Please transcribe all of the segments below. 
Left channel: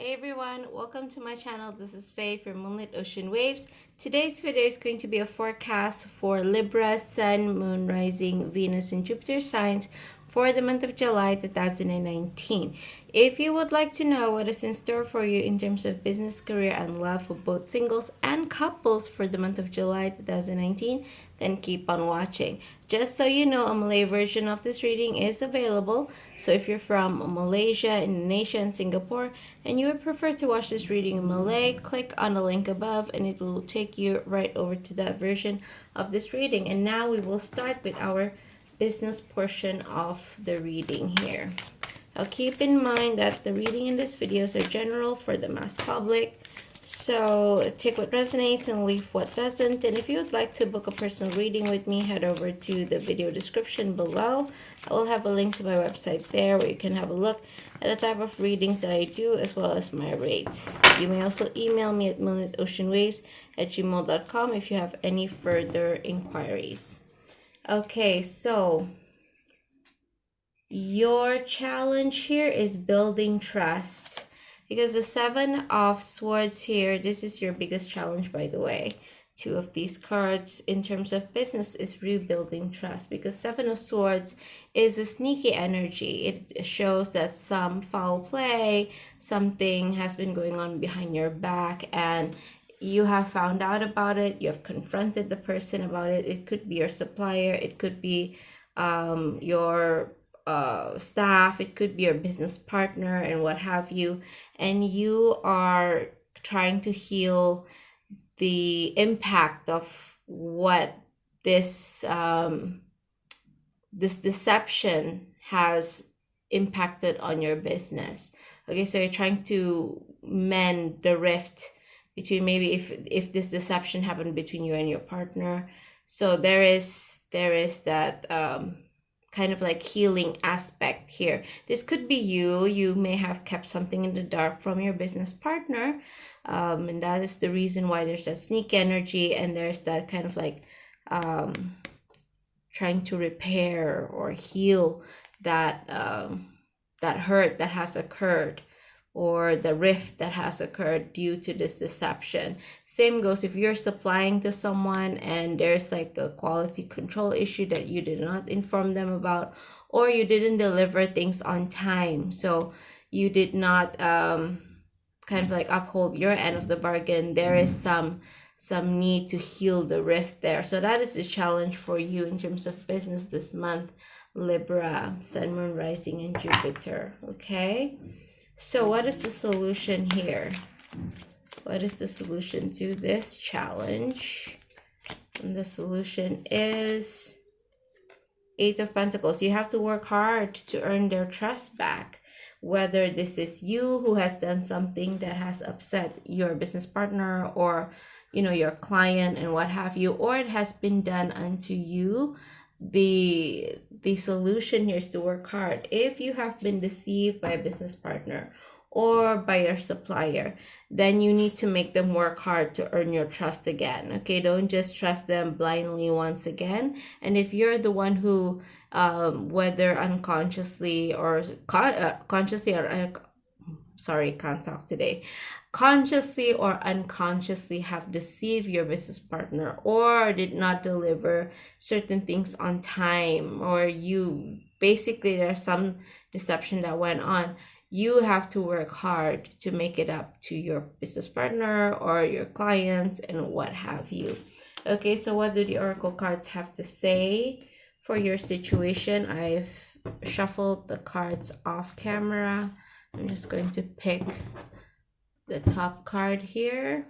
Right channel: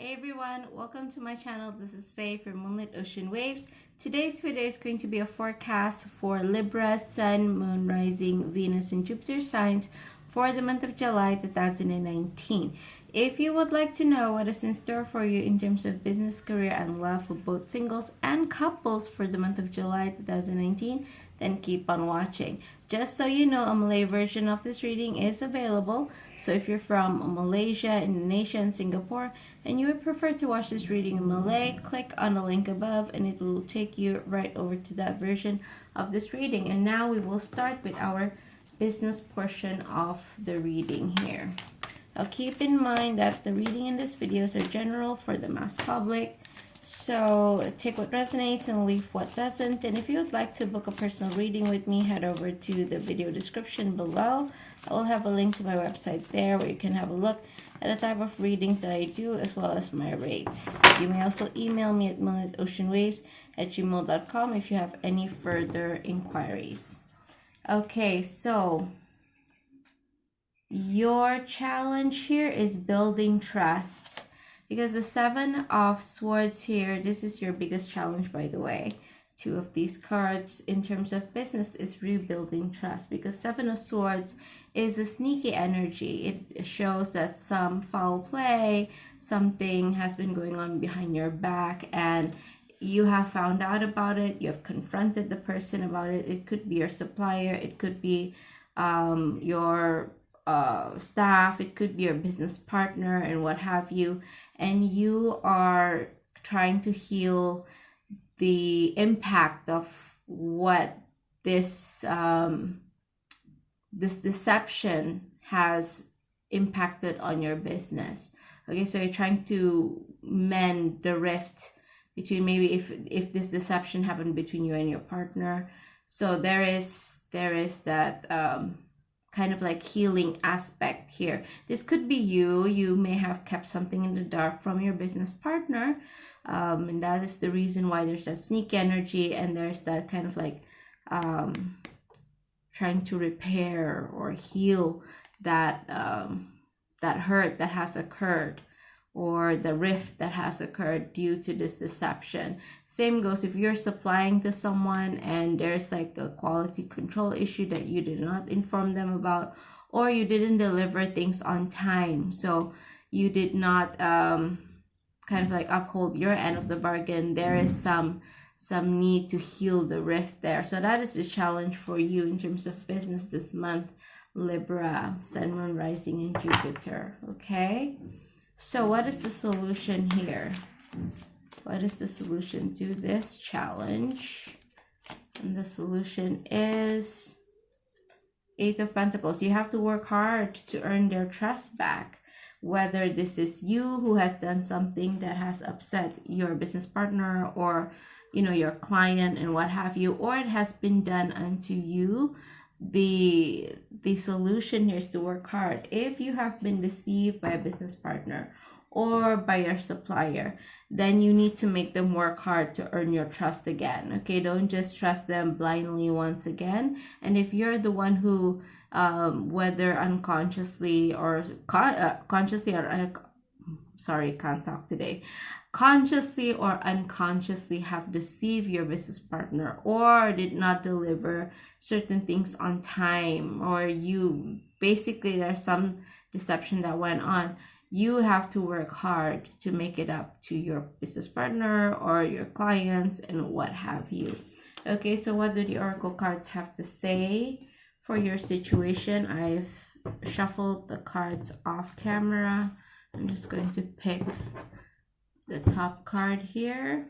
Hey everyone, welcome to my channel. This is Faye from Moonlit Ocean Waves. Today's video is going to be a forecast for Libra, Sun, Moon, Rising, Venus, and Jupiter signs for the month of July 2019. If you would like to know what is in store for you in terms of business, career, and love for both singles and couples for the month of July 2019, then keep on watching. Just so you know, a Malay version of this reading is available. So if you're from Malaysia, Indonesia, and Singapore, and you would prefer to watch this reading in Malay, click on the link above and it will take you right over to that version of this reading. And now we will start with our business portion of the reading here. Now keep in mind that the reading in these videos are general for the mass public. So take what resonates and leave what doesn't. And if you would like to book a personal reading with me, head over to the video description below. I will have a link to my website there where you can have a look at the type of readings that I do as well as my rates. You may also email me at moonlitoceanwaves@gmail.com if you have any further inquiries. Okay, so your challenge here is building trust. Because the Seven of Swords here, this is your biggest challenge, by the way. Two of these cards in terms of business is rebuilding trust. Because Seven of Swords is a sneaky energy. It shows that some foul play, something has been going on behind your back, and you have found out about it. You have confronted the person about it. It could be your supplier. It could be your staff, it could be your business partner, and what have you, and you are trying to heal the impact of what this this deception has impacted on your business. Okay, so you're trying to mend the rift between, maybe if this deception happened between you and your partner. So there is that kind of like healing aspect here. This could be you may have kept something in the dark from your business partner, and that is the reason why there's that sneak energy, and there's that kind of like trying to repair or heal that that hurt that has occurred, or the rift that has occurred due to this deception. Same goes if you're supplying to someone and there's like a quality control issue that you did not inform them about, or you didn't deliver things on time, so you did not kind of like uphold your end of the bargain. There is some need to heal the rift there. So that is the challenge for you in terms of business this month, Libra, Sun, Moon, Rising, and Jupiter. Okay, so what is the solution here? What is the solution to this challenge? And the solution is Eight of Pentacles. You have to work hard to earn their trust back. Whether this is you who has done something that has upset your business partner, or your client and what have you, or it has been done unto you. The solution here is to work hard. If you have been deceived by a business partner or by your supplier, then you need to make them work hard to earn your trust again. Okay, don't just trust them blindly once again. And if you're the one who whether unconsciously or consciously, or sorry, can't talk today, consciously or unconsciously have deceived your business partner, or did not deliver certain things on time, or you basically there's some deception that went on, you have to work hard to make it up to your business partner or your clients and what have you. Okay, so what do the oracle cards have to say for your situation? I've shuffled the cards off camera. I'm just going to pick the top card here.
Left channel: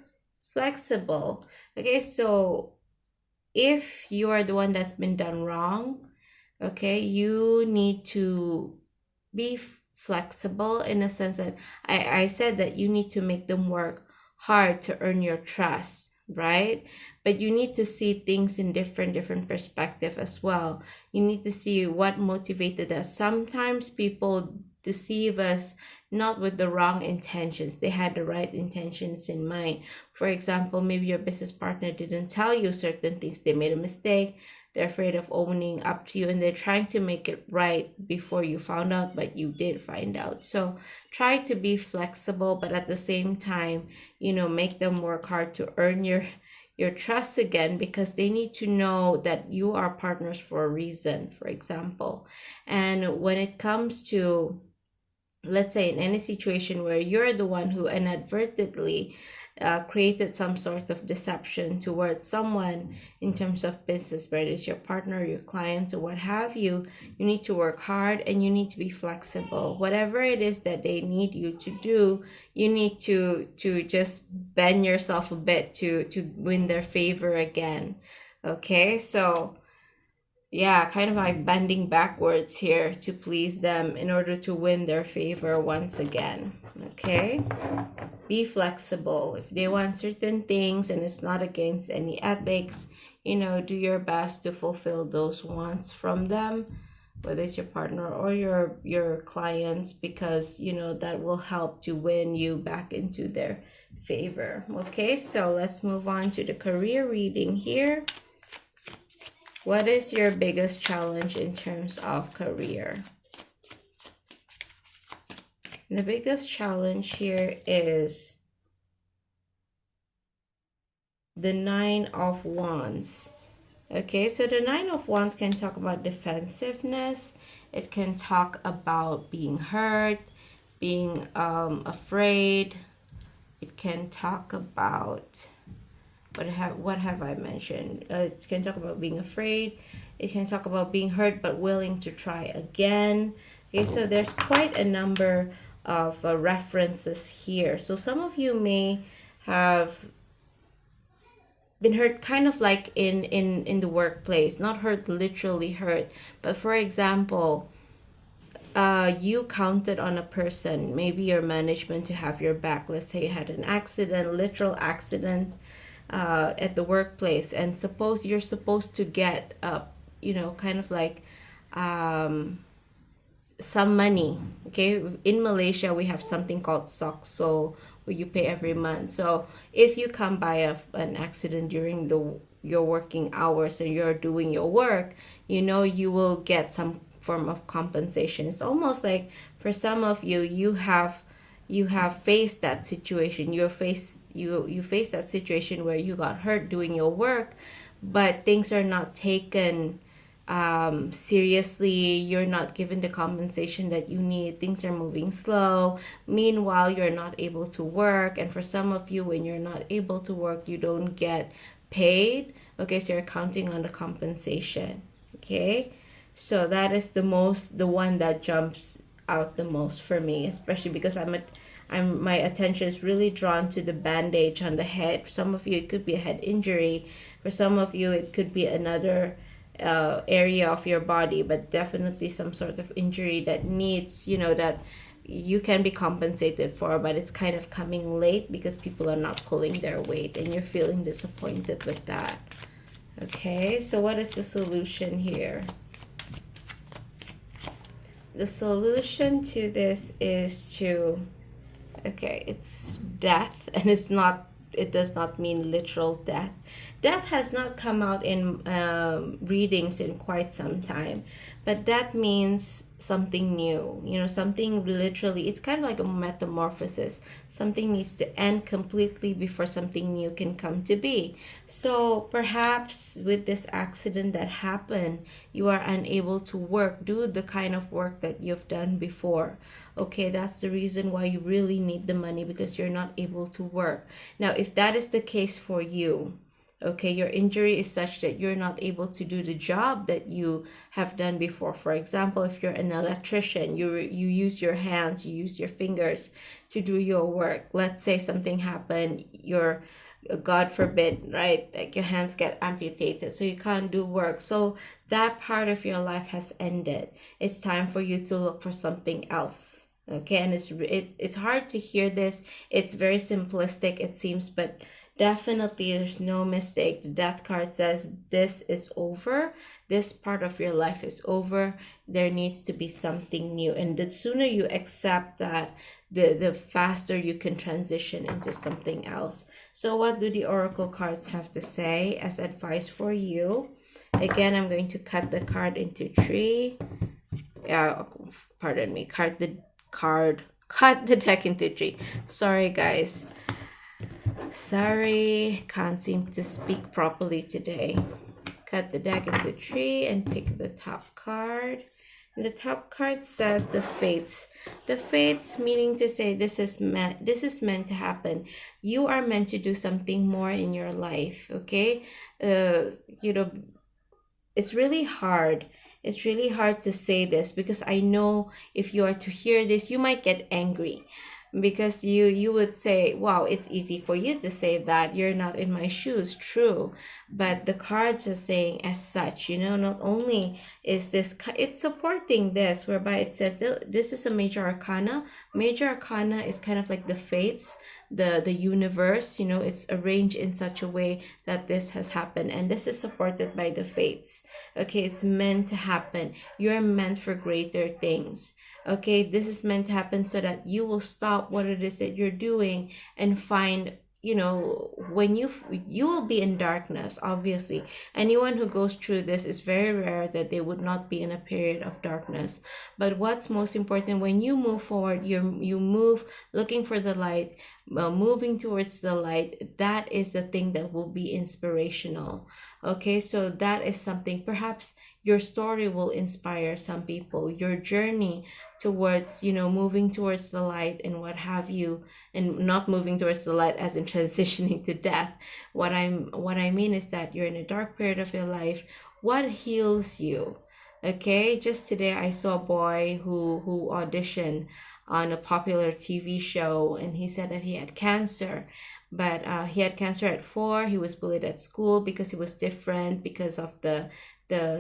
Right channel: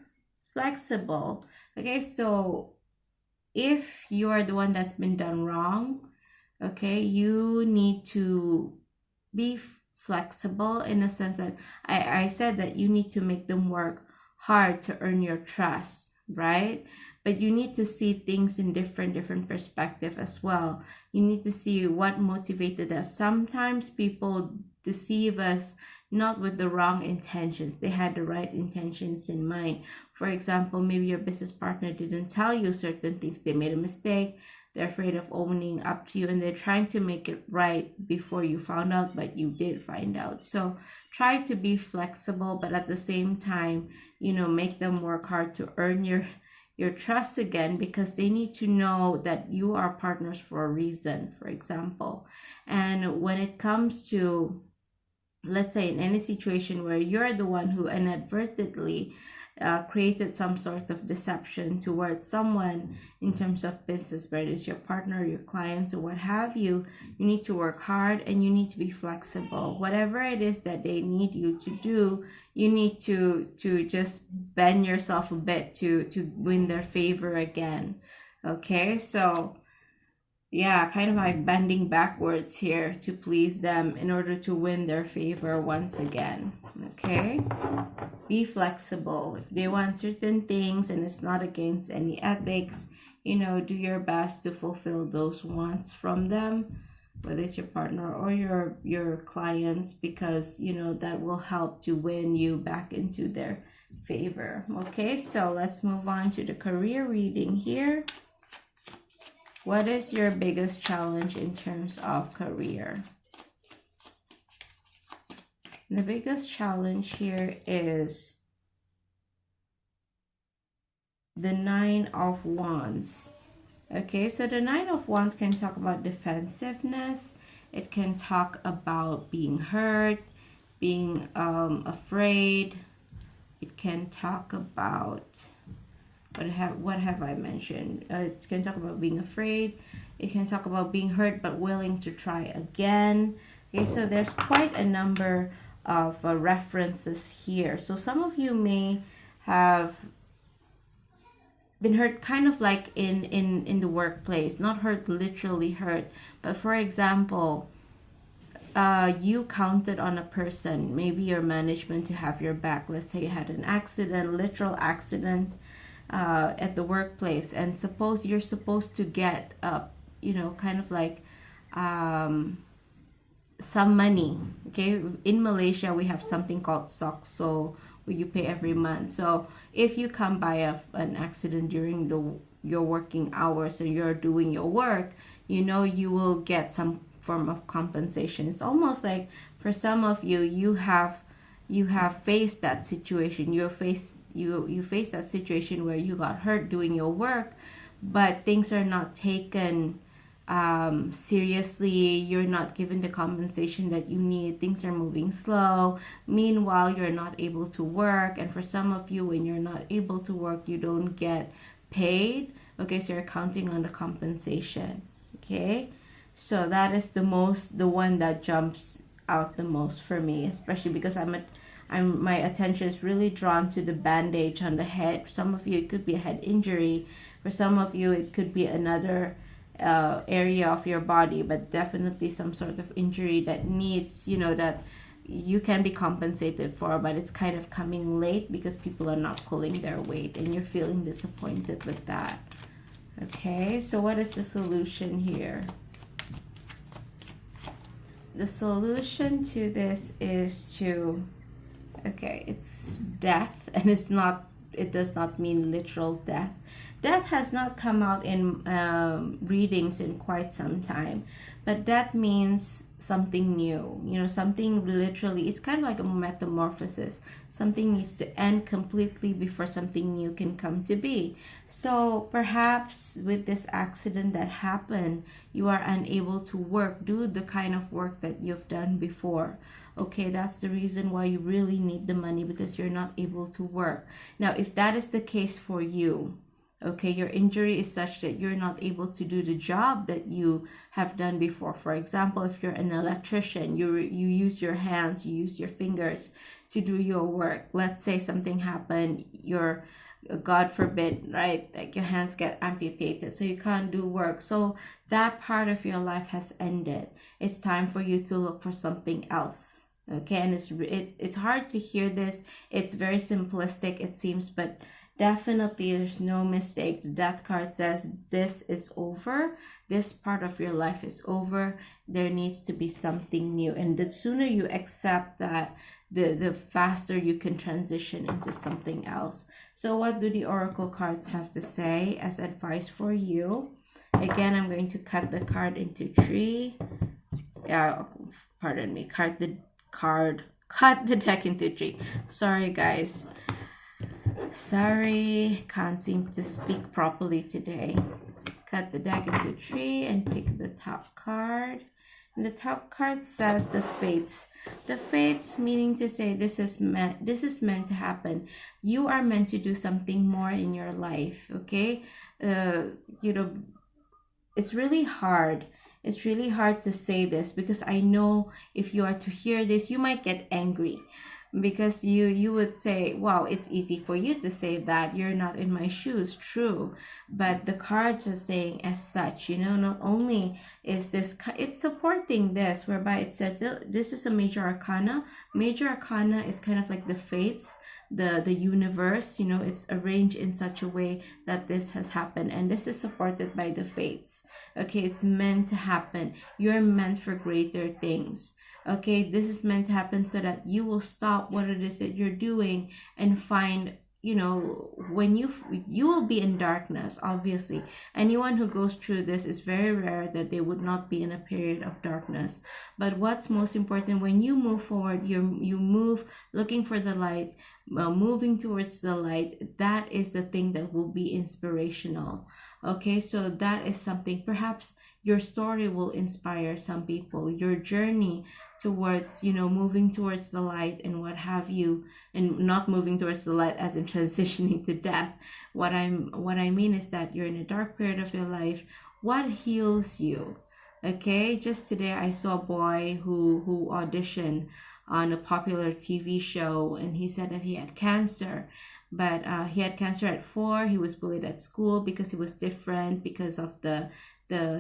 Flexible. Okay, so if you are the one that's been done wrong, okay, you need to be flexible in the sense that I said that you need to make them work hard to earn your trust, right? But you need to see things in different perspective as well. You need to see what motivated us. Sometimes people deceive us not with the wrong intentions. They had the right intentions in mind. For example, maybe your business partner didn't tell you certain things. They made a mistake. They're afraid of owning up to you, and they're trying to make it right before you found out, but you did find out. So try to be flexible, but at the same time, make them work hard to earn your trust again, because they need to know that you are partners for a reason, for example. And when it comes to, let's say, in any situation where you're the one who inadvertently created some sort of deception towards someone in terms of business, whether it's your partner, your client, or what have you, you need to work hard and you need to be flexible. Whatever it is that they need you to do, you need to just bend yourself a bit to win their favor again. Okay, so yeah, kind of like bending backwards here to please them in order to win their favor once again. Okay, be flexible. If they want certain things and it's not against any ethics, do your best to fulfill those wants from them, whether it's your partner or your clients, because that will help to win you back into their favor. Okay, so let's move on to the career reading here. What is your biggest challenge in terms of career? The biggest challenge here is the 9 of Wands. Okay, so the 9 of Wands can talk about defensiveness. It can talk about being hurt, being afraid. It can talk about what have I mentioned? It can talk about being afraid. It can talk about being hurt but willing to try again. Okay, so there's quite a number of references here. So some of you may have been hurt kind of like in the workplace, not hurt literally hurt, but for example, you counted on a person, maybe your management, to have your back. Let's say you had an accident, literal accident, at the workplace, and suppose you're supposed to get kind of like some money. Okay, in Malaysia we have something called SOCSO, where you pay every month. So if you come by an accident during your working hours and you're doing your work, you will get some form of compensation. It's almost like, for some of you, you have faced that situation. You face that situation where you got hurt doing your work, but things are not taken seriously. You're not given the compensation that you need. Things are moving slow. Meanwhile, you're not able to work. And for some of you, when you're not able to work, you don't get paid. Okay, so you're counting on the compensation. Okay, so that is the one that jumps out the most for me, especially because my attention is really drawn to the bandage on the head. For some of you, it could be a head injury. For some of you, it could be another area of your body, but definitely some sort of injury that needs, that you can be compensated for, but it's kind of coming late because people are not pulling their weight, and you're feeling disappointed with that. Okay, so what is the solution here? The solution to this is to, okay, it's death, and it does not mean literal death. Death has not come out in readings in quite some time, but that means something new, something literally. It's kind of like a metamorphosis. Something needs to end completely before something new can come to be. So perhaps with this accident that happened, you are unable to do the kind of work that you've done before. Okay, that's the reason why you really need the money, because you're not able to work. Now, if that is the case for you, okay, your injury is such that you're not able to do the job that you have done before. For example, if you're an electrician, you use your hands, you use your fingers to do your work. Let's say something happened, God forbid, right? Like your hands get amputated, so you can't do work. So that part of your life has ended. It's time for you to look for something else. Okay, and it's hard to hear this. It's very simplistic, it seems, but definitely there's no mistake. The death card says this is over. This part of your life is over. There needs to be something new, and the sooner you accept that, the faster you can transition into something else. So what do the oracle cards have to say as advice for you? Again, I'm going to cut the card into three. Pardon me, cut the deck into three. Sorry guys, sorry, can't seem to speak properly today. Cut the deck into three and pick the top card. And the top card says the fates. The fates meaning to say this is meant to happen. You are meant to do something more in your life, okay? You know, it's really hard. It's really hard to say this because I know if you are to hear this, you might get angry because you would say, wow, it's easy for you to say that, you're not in my shoes. True, but the cards are saying as such, not only is this, it's supporting this, whereby it says that this is a major arcana. Major arcana is kind of like the fates, the universe, it's arranged in such a way that this has happened, and this is supported by the fates. Okay, it's meant to happen. You're meant for greater things. Okay, this is meant to happen so that you will stop what it is that you're doing and find, when you will be in darkness. Obviously, anyone who goes through this, is very rare that they would not be in a period of darkness. But what's most important, when you move forward, you move looking for the light, moving towards the light. That is the thing that will be inspirational. Okay, so that is something. Perhaps your story will inspire some people, your journey towards, moving towards the light and what have you, and not moving towards the light as in transitioning to death. What I mean is that you're in a dark period of your life. What heals you? Okay, just today I saw a boy who auditioned on a popular TV show, and he said that he had cancer. But he had cancer at 4. He was bullied at school because he was different, because of the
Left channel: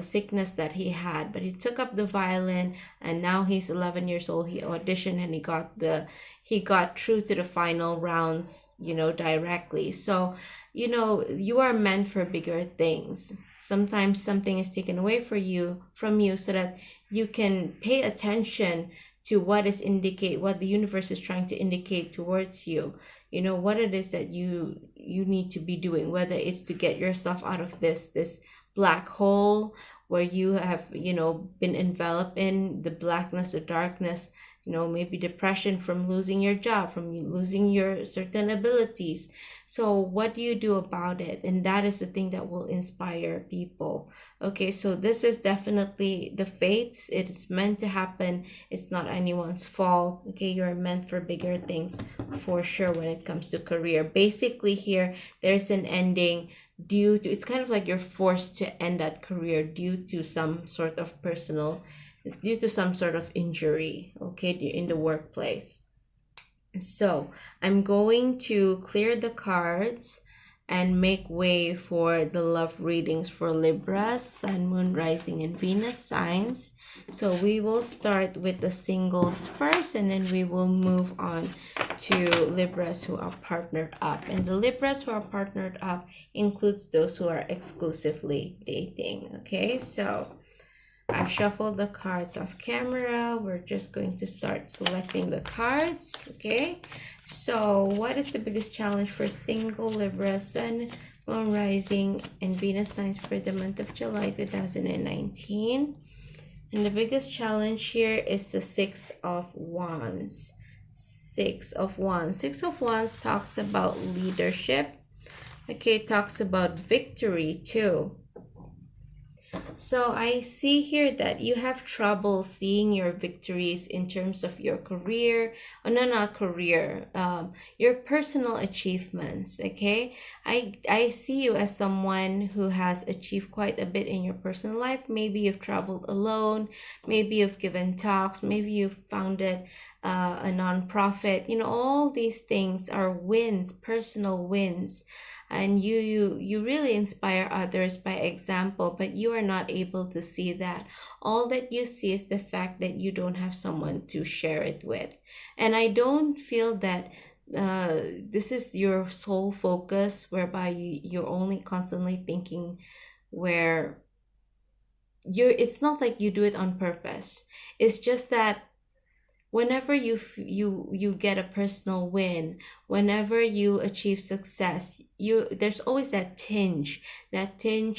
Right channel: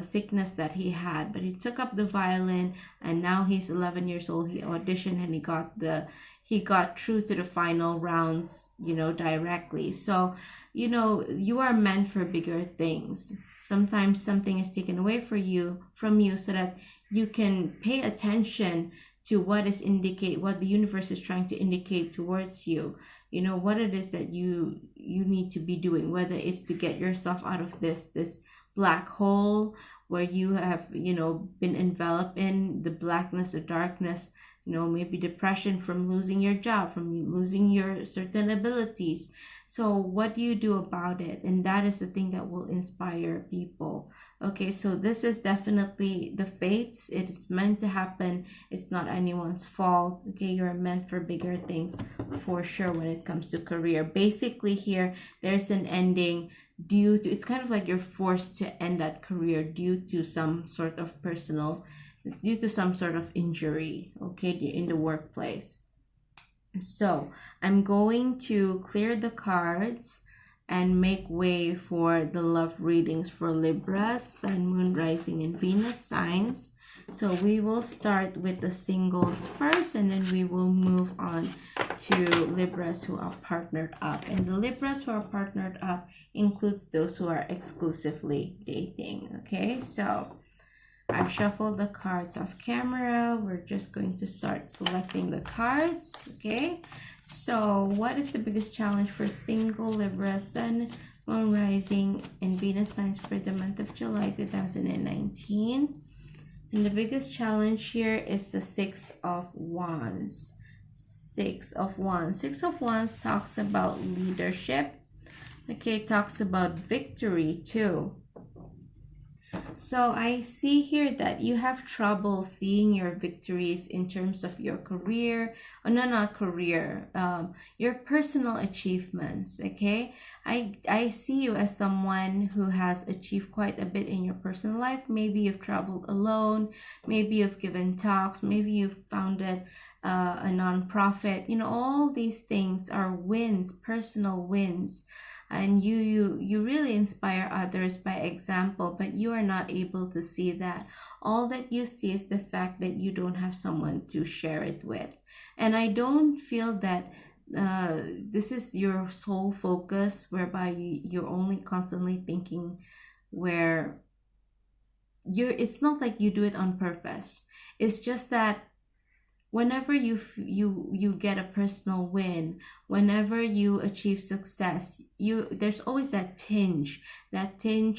sickness that he had. But he took up the violin, and now he's 11 years old. He auditioned and he got through to the final rounds, directly. So, you are meant for bigger things. Sometimes something is taken away from you so that you can pay attention to what the universe is trying to indicate towards you. What it is that you need to be doing, whether it's to get yourself out of this black hole where you have, been enveloped in the blackness, the darkness, maybe depression from losing your job, from losing your certain abilities. So what do you do about it? And that is the thing that will inspire people. Okay, so this is definitely the fates. It is meant to happen. It's not anyone's fault. Okay, you're meant for bigger things for sure when it comes to career. Basically here, there's an ending due to, it's kind of like you're forced to end that career due to some sort of injury, okay, in the workplace. So I'm going to clear the cards and make way for the love readings for Libra, Sun, Moon, Rising, and Venus signs. So we will start with the singles first, and then we will move on to Libras who are partnered up. And the Libras who are partnered up includes those who are exclusively dating. Okay, so I've shuffled the cards off camera. We're just going to start selecting the cards. Okay, so what is the biggest challenge for single Libra, Sun, Moon, Rising, and Venus signs for the month of July 2019? And the biggest challenge here is the Six of Wands. Six of Wands. Six of Wands talks about leadership. Okay, talks about victory too. So I see here that you have trouble seeing your victories in terms of your career. Oh, no, not career. Your personal achievements. Okay, I see you as someone who has achieved quite a bit in your personal life. Maybe you've traveled alone. Maybe you've given talks. Maybe you've founded a nonprofit. All these things are wins, personal wins, and you really inspire others by example, but you are not able to see that. All that you see is the fact that you don't have someone to share it with. And I don't feel that this is your sole focus, whereby you're only constantly thinking, where it's not like you do it on purpose. It's just that whenever you get a personal win, whenever you achieve success, there's always that tinge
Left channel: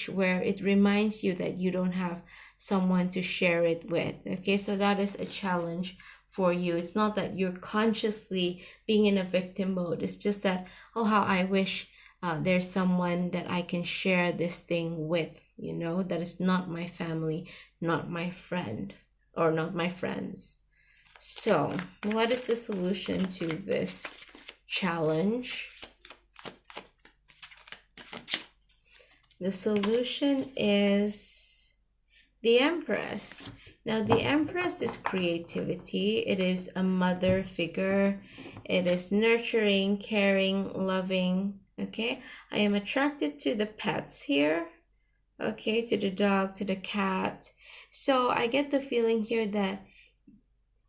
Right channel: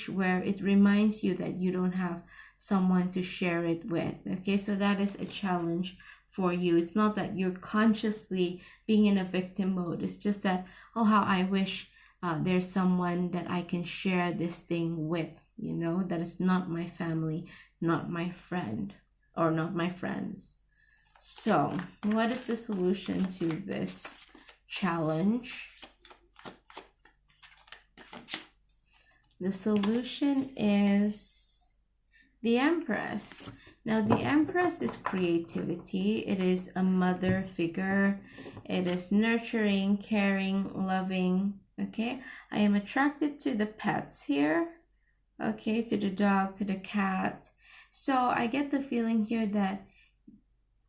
where it reminds you that you don't have someone to share it with. Okay, so that is a challenge for you. It's not that you're consciously being in a victim mode. It's just that, oh, how I wish there's someone that I can share this thing with, that is not my family, not my friend, or not my friends. So, what is the solution to this challenge? The solution is the Empress. Now, the Empress is creativity. It is a mother figure. It is nurturing, caring, loving. Okay, I am attracted to the pets here. Okay, to the dog, to the cat. So I get the feeling here that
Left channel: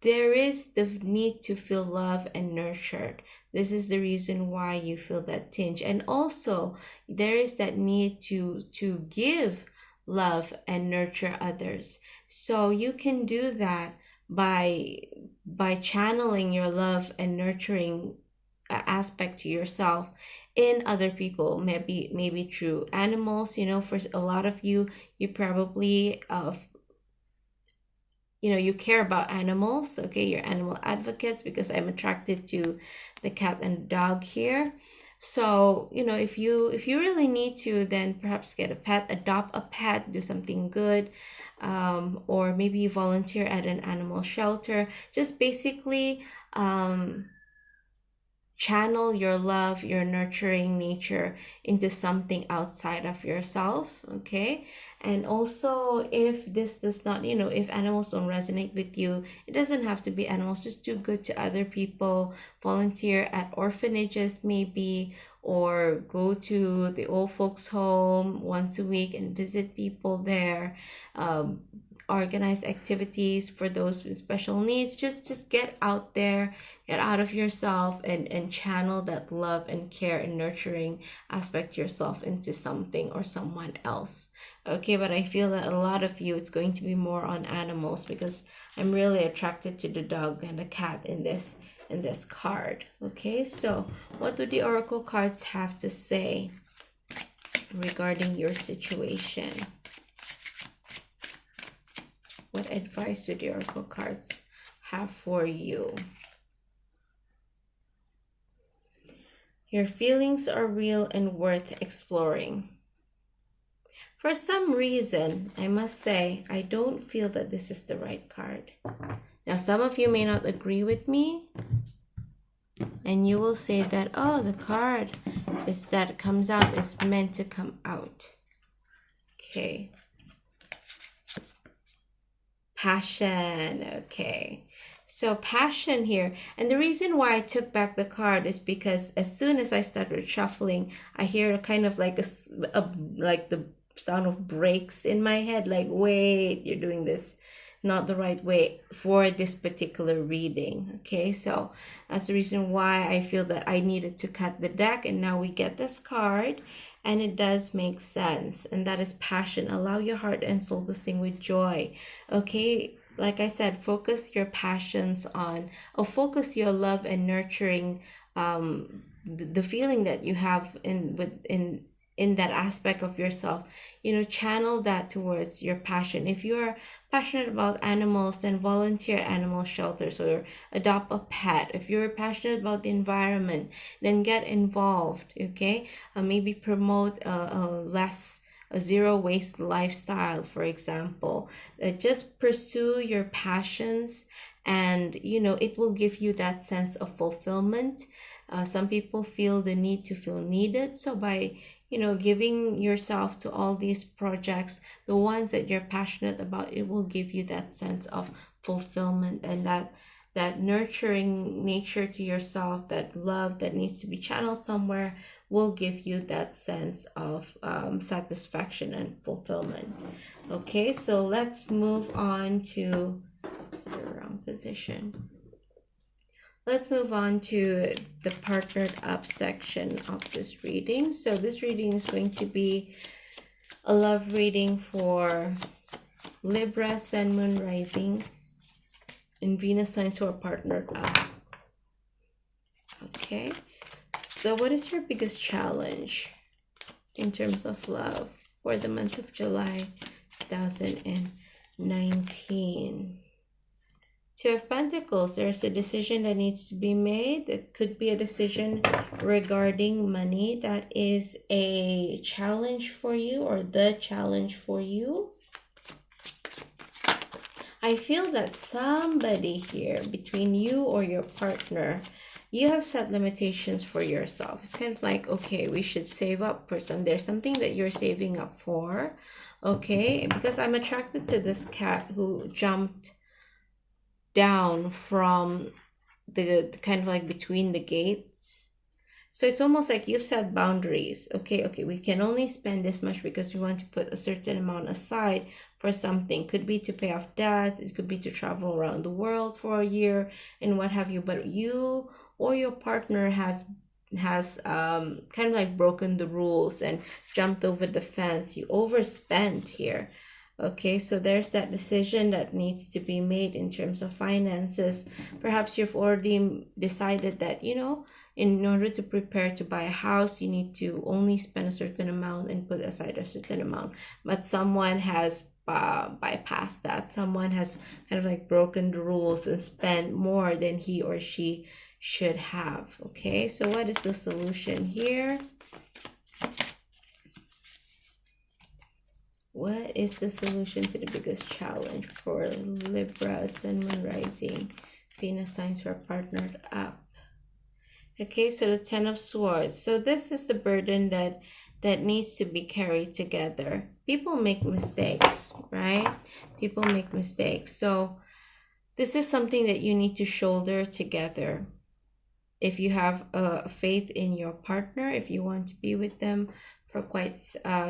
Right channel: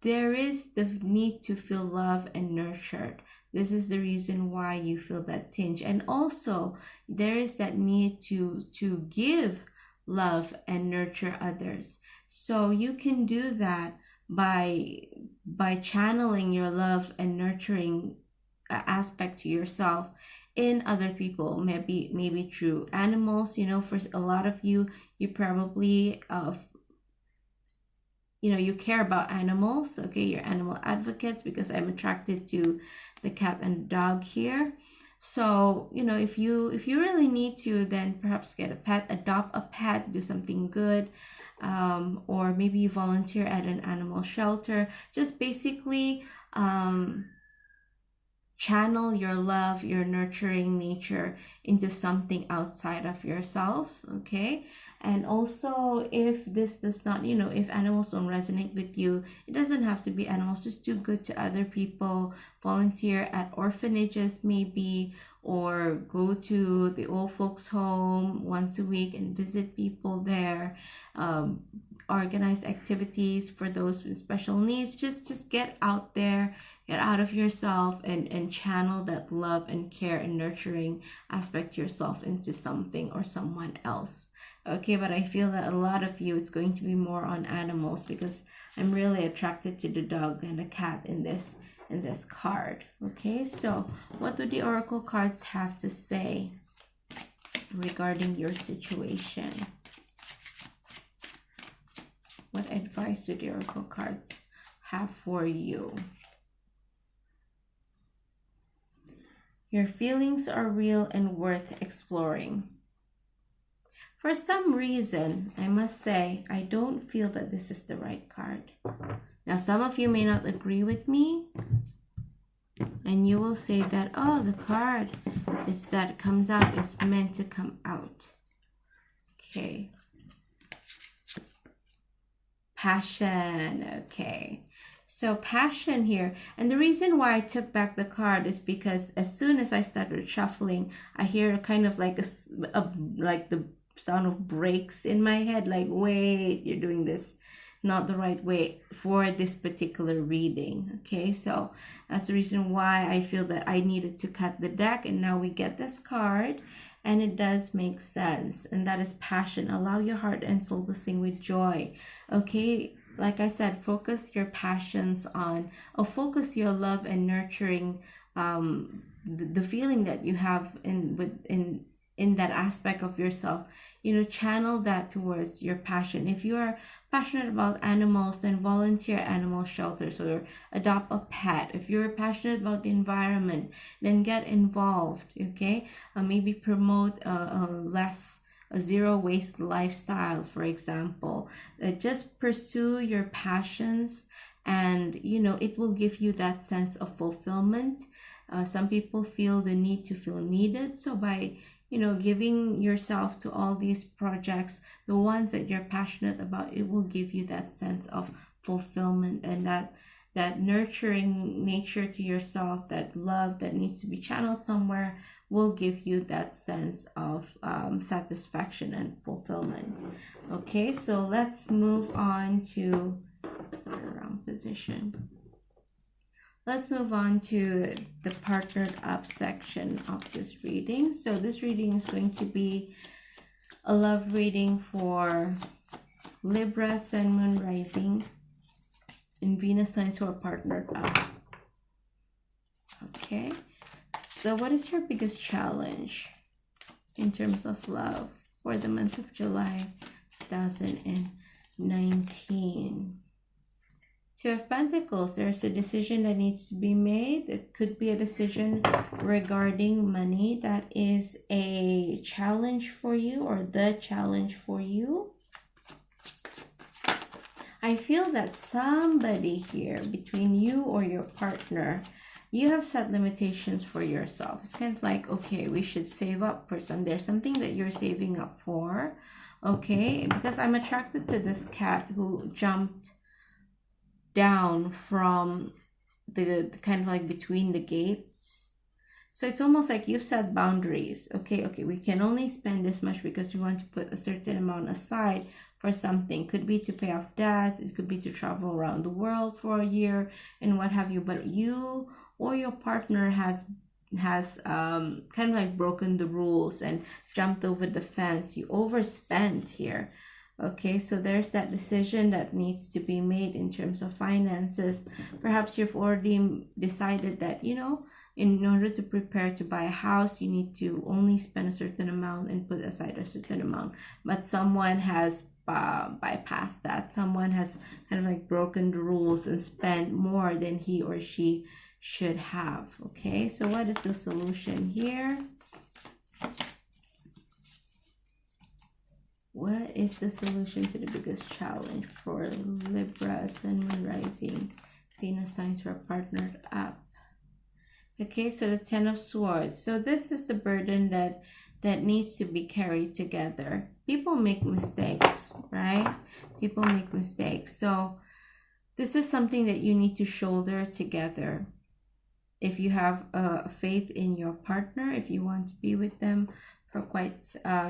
there is the need to feel love and nurtured. This is the reason why you feel that tinge. And also, there is that need to give love and nurture others. So you can do that by channeling your love and nurturing aspect to yourself in other people, maybe through animals. For a lot of you probably you care about animals. Okay, you're animal advocates, because I'm attracted to the cat and dog here. So if you really need to, then perhaps get a pet, adopt a pet, do something good, or maybe volunteer at an animal shelter. Just basically channel your love, your nurturing nature into something outside of yourself. Okay, and also, if this does not, if animals don't resonate with you, it doesn't have to be animals. Just do good to other people, volunteer at orphanages maybe, or go to the old folks home once a week and visit people there. Organize activities for those with special needs. Just get out there, get out of yourself, and channel that love and care and nurturing aspect yourself into something or someone else. Okay, but I feel that a lot of you, it's going to be more on animals, because I'm really attracted to the dog and the cat in this card. Okay, so what do the oracle cards have to say regarding your situation? What advice do the oracle cards have for you? Your feelings are real and worth exploring. For some reason, I must say, I don't feel that this is the right card. Now, some of you may not agree with me, and you will say that, oh, the card is that comes out is meant to come out. Okay. Passion. Okay. So passion here. And the reason why I took back the card is because as soon as I started shuffling, I hear kind of like like the sound of brakes in my head, like, wait, you're doing this not the right way for this particular reading. Okay, so that's the reason why I feel that I needed to cut the deck, and now we get this card, and it does make sense, and that is passion. Allow your heart and soul to sing with joy. Okay, like I said, focus your passions on, or focus your love and nurturing, the feeling that you have in that aspect of yourself. Channel that towards your passion. If you are passionate about animals, then volunteer at animal shelters or adopt a pet. If you're passionate about the environment, then get involved. Okay, maybe promote a zero waste lifestyle, for example. Just pursue your passions, and it will give you that sense of fulfillment. Some people feel the need to feel needed, so by giving yourself to all these projects, the ones that you're passionate about, it will give you that sense of fulfillment, and that nurturing nature to yourself, that love that needs to be channeled somewhere, will give you that sense of satisfaction and fulfillment. Okay, so let's move on to wrong position. Let's move on to the partnered up section of this reading. So this reading is going to be a love reading for Libra, Sun, Moon, Rising, and Venus signs who are partnered up. Okay, so what is your biggest challenge in terms of love for the month of July 2019? Two of Pentacles, there's a decision that needs to be made. It could be a decision regarding money that is a challenge for you, or the challenge for you. I feel that somebody here, between you or your partner, you have set limitations for yourself. It's kind of like, okay, we should save up for some. There's something that you're saving up for, okay? Because I'm attracted to this cat who jumped down from the kind of like between the gates. So it's almost like you've set boundaries. Okay, we can only spend this much because we want to put a certain amount aside for something. Could be to pay off debts, it could be to travel around the world for a year and what have you. But you or your partner has kind of like broken the rules and jumped over the fence. You overspent here. Okay, so there's that decision that needs to be made in terms of finances. Perhaps you've already decided that, you know, in order to prepare to buy a house, you need to only spend a certain amount and put aside a certain amount. But someone has bypassed that. Someone has kind of like broken the rules and spent more than he or she should have. Okay, so what is the solution here? What is the solution to the biggest challenge for Libra, Sun, Moon, Rising, Venus signs who are partnered up? Okay, so the Ten of Swords. So this is the burden that needs to be carried together. People make mistakes, right? People make mistakes. So this is something that you need to shoulder together. If you have faith in your partner, if you want to be with them for quite,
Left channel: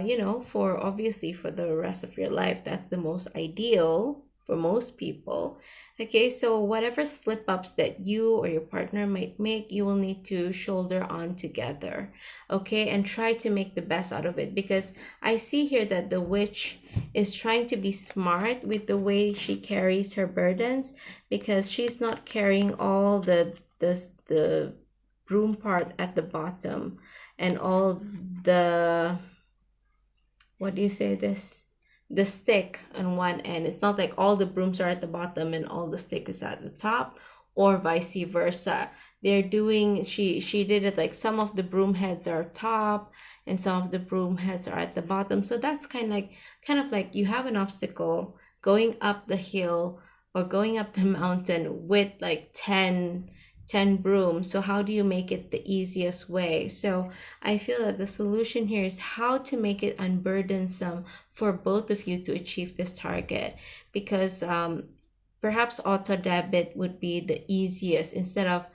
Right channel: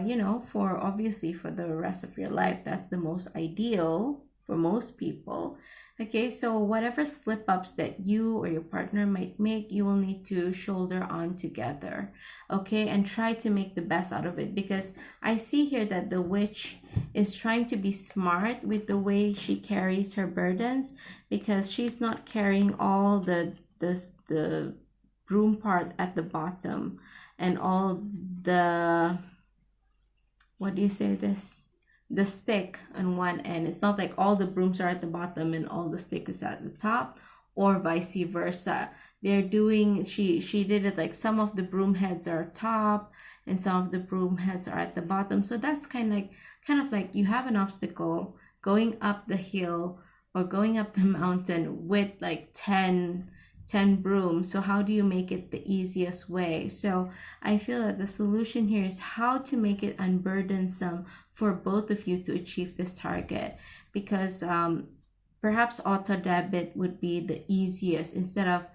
you know, for obviously for the rest of your life, that's the most ideal for most people. Okay, so whatever slip ups that you or your partner might make, you will need to shoulder on together. Okay, and try to make the best out of it, because I see here that the witch is trying to be smart with the way she carries her burdens, because she's not carrying all the broom part at the bottom and all the, what do you say, this, the stick on one end. It's not like all the brooms are at the bottom and all the stick is at the top, or vice versa. They're doing, she did it like some of the broom heads are top and some of the broom heads are at the bottom. So that's kind of like you have an obstacle going up the hill or going up the mountain with like 10 brooms. So how do you make it the easiest way? So I feel that the solution here is how to make it unburdensome for both of you to achieve this target, because perhaps auto debit would be the easiest, instead of,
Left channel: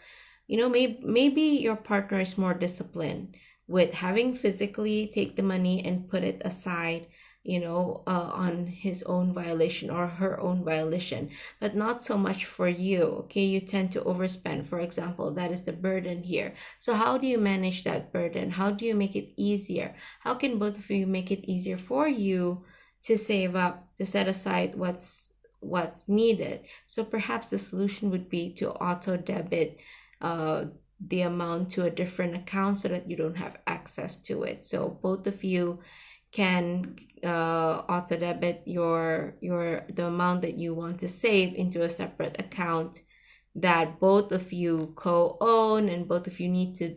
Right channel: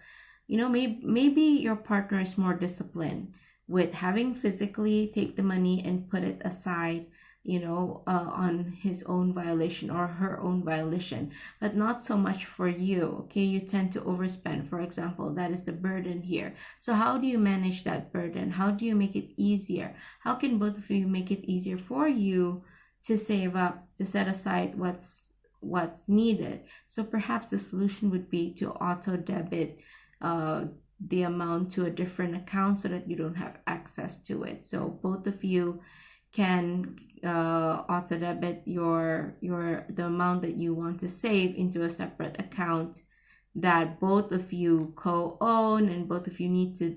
you know, maybe your partner is more disciplined with having physically take the money and put it aside, you know, on his own violation or her own violation, but not so much for you. Okay, you tend to overspend, for example. That is the burden here. So how do you manage that burden? How do you make it easier? How can both of you make it easier for you to save up, to set aside what's needed? So perhaps the solution would be to auto debit the amount to a different account so that you don't have access to it. So both of you can auto debit the amount that you want to save into a separate account that both of you co-own, and both of you need to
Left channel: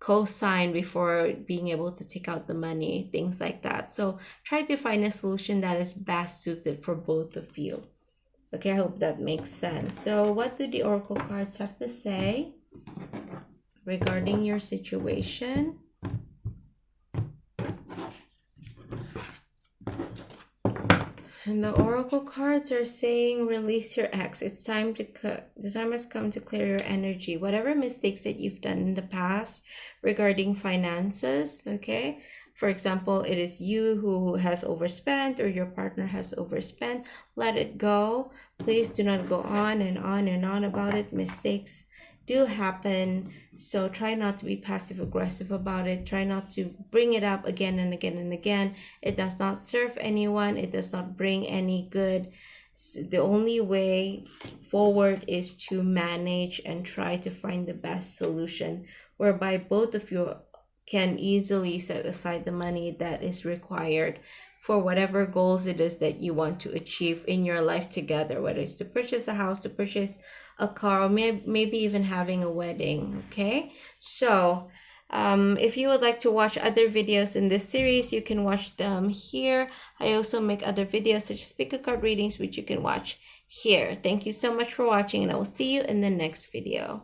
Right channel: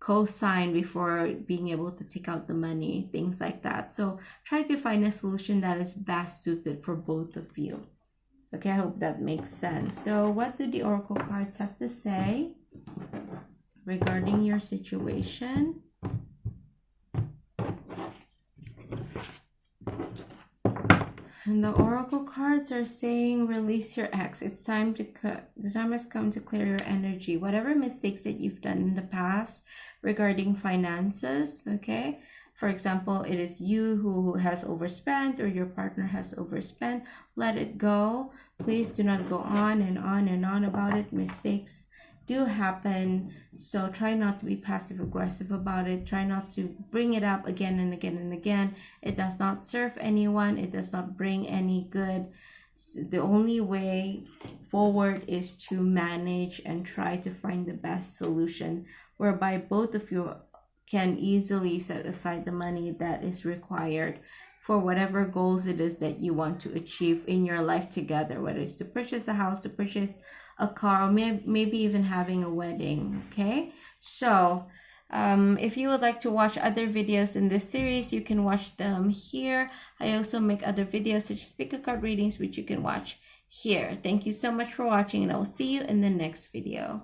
co-sign before being able to take out the money, things like that. So try to find a solution that is best suited for both of you. Okay, I hope that makes sense. So what do the oracle cards have to say regarding your situation? And the oracle cards are saying, release your ex. It's time to the time has come to clear your energy. Whatever mistakes that you've done in the past regarding finances, okay? For example, it is you who has overspent, or your partner has overspent. Let it go. Please do not go on and on and on about it. Mistakes do happen, so try not to be passive aggressive about it. Try not to bring it up again and again and again. It does not serve anyone. It does not bring any good The only way forward is to manage and try to find the best solution whereby both of you can easily set aside the money that is required for whatever goals it is that you want to achieve in your life together, whether it's to purchase a house, to purchase a car, or maybe even having a wedding. Okay, so if you would like to watch other videos in this series, you can watch them here. I also make other videos such as pick a card readings, which you can watch here. Thank you so much for watching, and I will see you in the next video.